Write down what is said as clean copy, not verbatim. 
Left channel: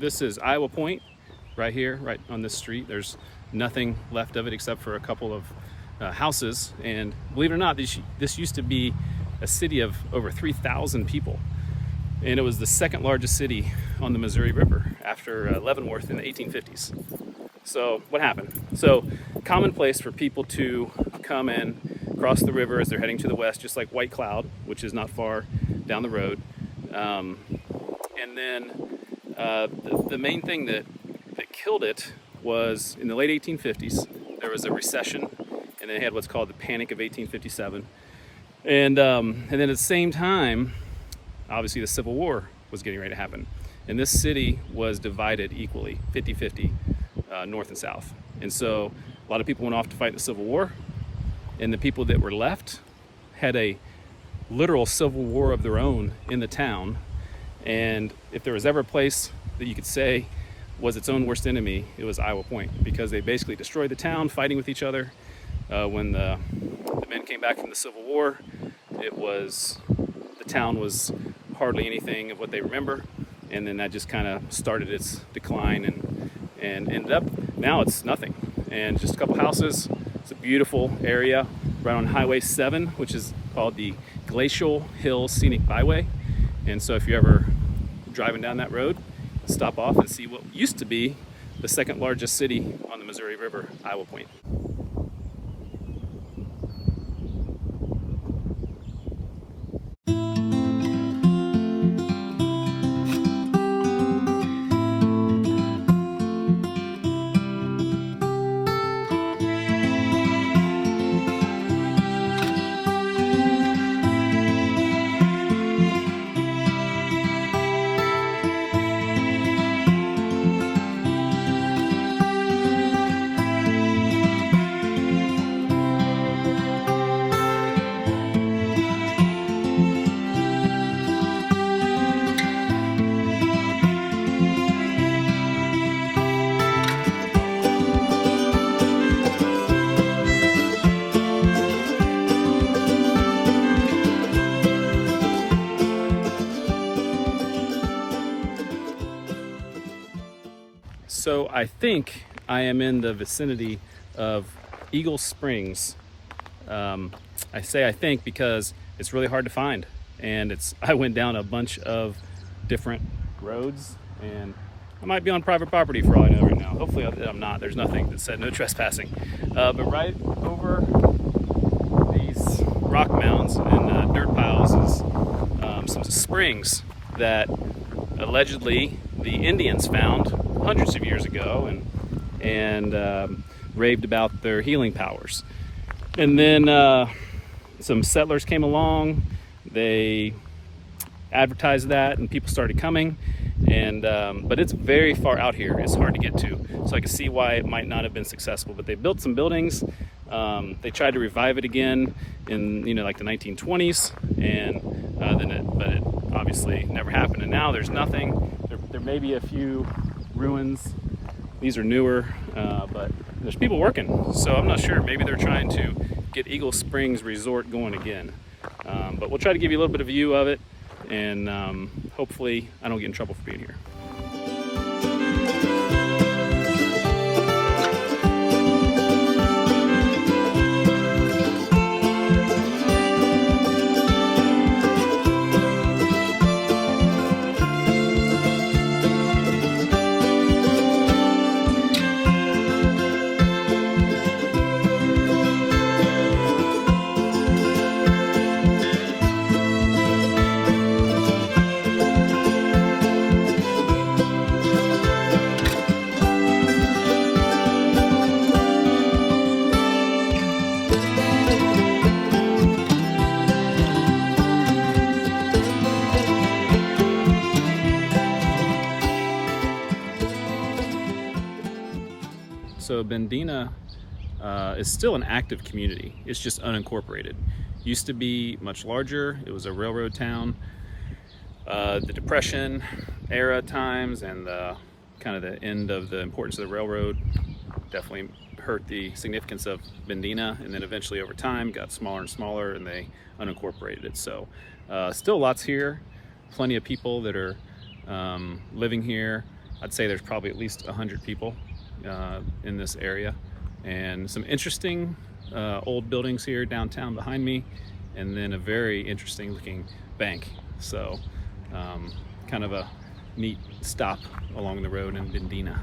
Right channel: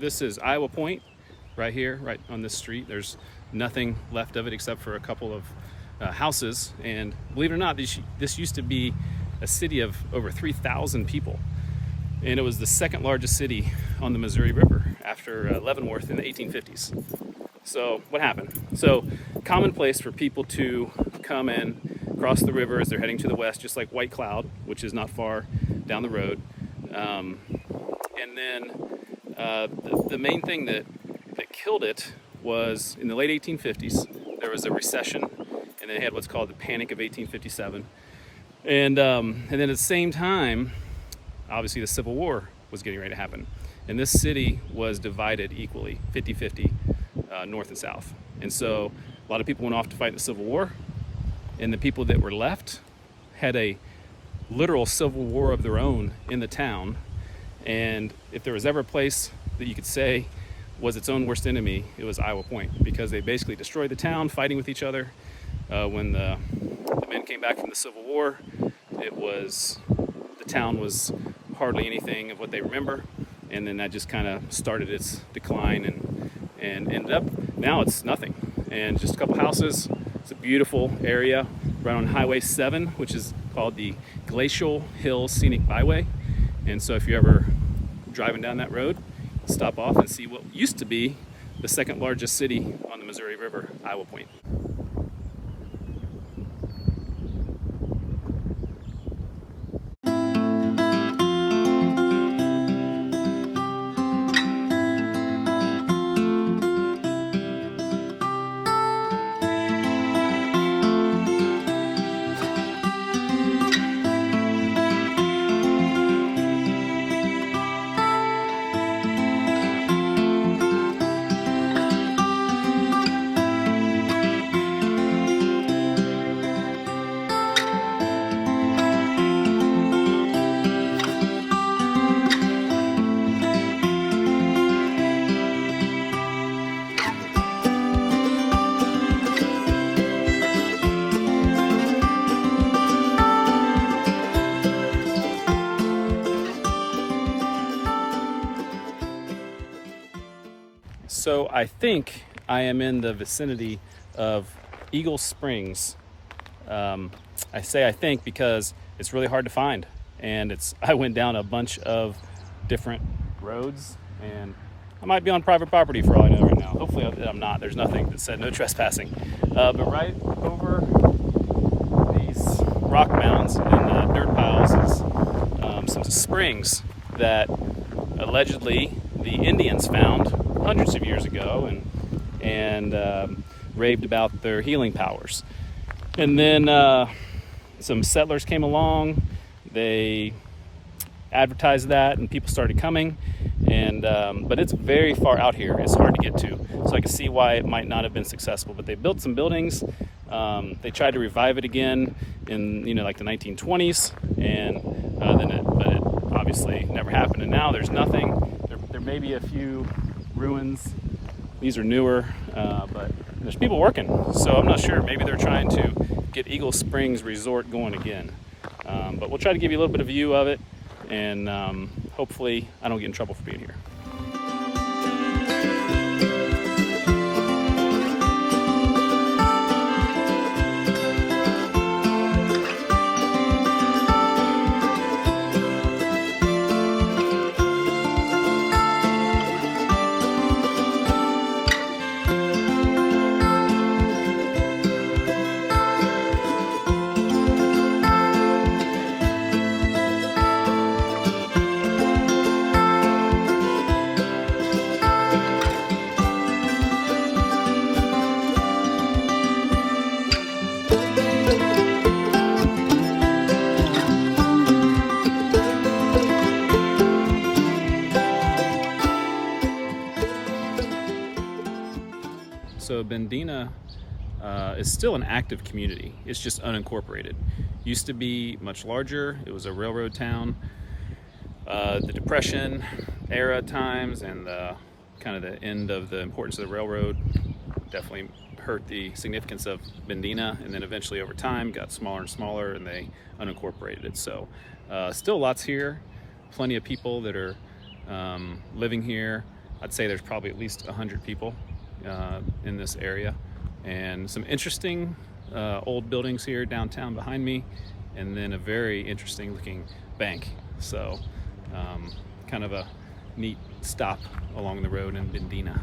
this is Iowa Point right here, right on this street. There's nothing left of it except for a couple of houses. And believe it or not, this used to be a city of over 3,000 people. And it was the second largest city on the Missouri River after Leavenworth in the 1850s. So what happened? So commonplace for people to come and cross the river as they're heading to the west, just like White Cloud, which is not far down the road. And then the main thing that killed it was in the late 1850s, there was a recession, and they had what's called the Panic of 1857. And then at the same time, obviously the Civil War was getting ready to happen. And this city was divided equally, 50-50, north and south. And so a lot of people went off to fight the Civil War, and the people that were left had a literal civil war of their own in the town. And if there was ever a place that you could say was its own worst enemy, it was Iowa Point, because they basically destroyed the town fighting with each other. When the men came back from the Civil War, the town was hardly anything of what they remember, and then that just kind of started its decline and ended up, now it's nothing. And just a couple houses. It's a beautiful area right on Highway 7, which is called the Glacial Hill Scenic Byway. And so if you're ever driving down that road, stop off and see what used to be the second largest city on the Missouri River, Iowa Point. So I think I am in the vicinity of Eagle Springs. I say I think because it's really hard to find, and I went down a bunch of different roads, and I might be on private property for all I know right now. Hopefully I'm not. There's nothing that said no trespassing. But right over these rock mounds and dirt piles is some springs that allegedly the Indians found hundreds of years ago and raved about their healing powers. And then some settlers came along, they advertised that, and people started coming. And but it's very far out here. It's hard to get to, so I can see why it might not have been successful. But they built some buildings. They tried to revive it again in like the 1920s, and but it obviously never happened. And now there's nothing. There may be a few ruins. These are newer, but there's people working. So I'm not sure. Maybe they're trying to get Eagle Springs Resort going again. But we'll try to give you a little bit of view of it, and hopefully I don't get in trouble for being here. So Bendena is still an active community. It's just unincorporated. Used to be much larger. It was a railroad town. The Depression era times and kind of the end of the importance of the railroad definitely hurt the significance of Bendena, and then eventually over time got smaller and smaller, and they unincorporated it. So still lots here, plenty of people that are living here. I'd say there's probably at least 100 people in this area, and some interesting old buildings here downtown behind me, and then a very interesting looking bank. So kind of a neat stop along the road in Bendena.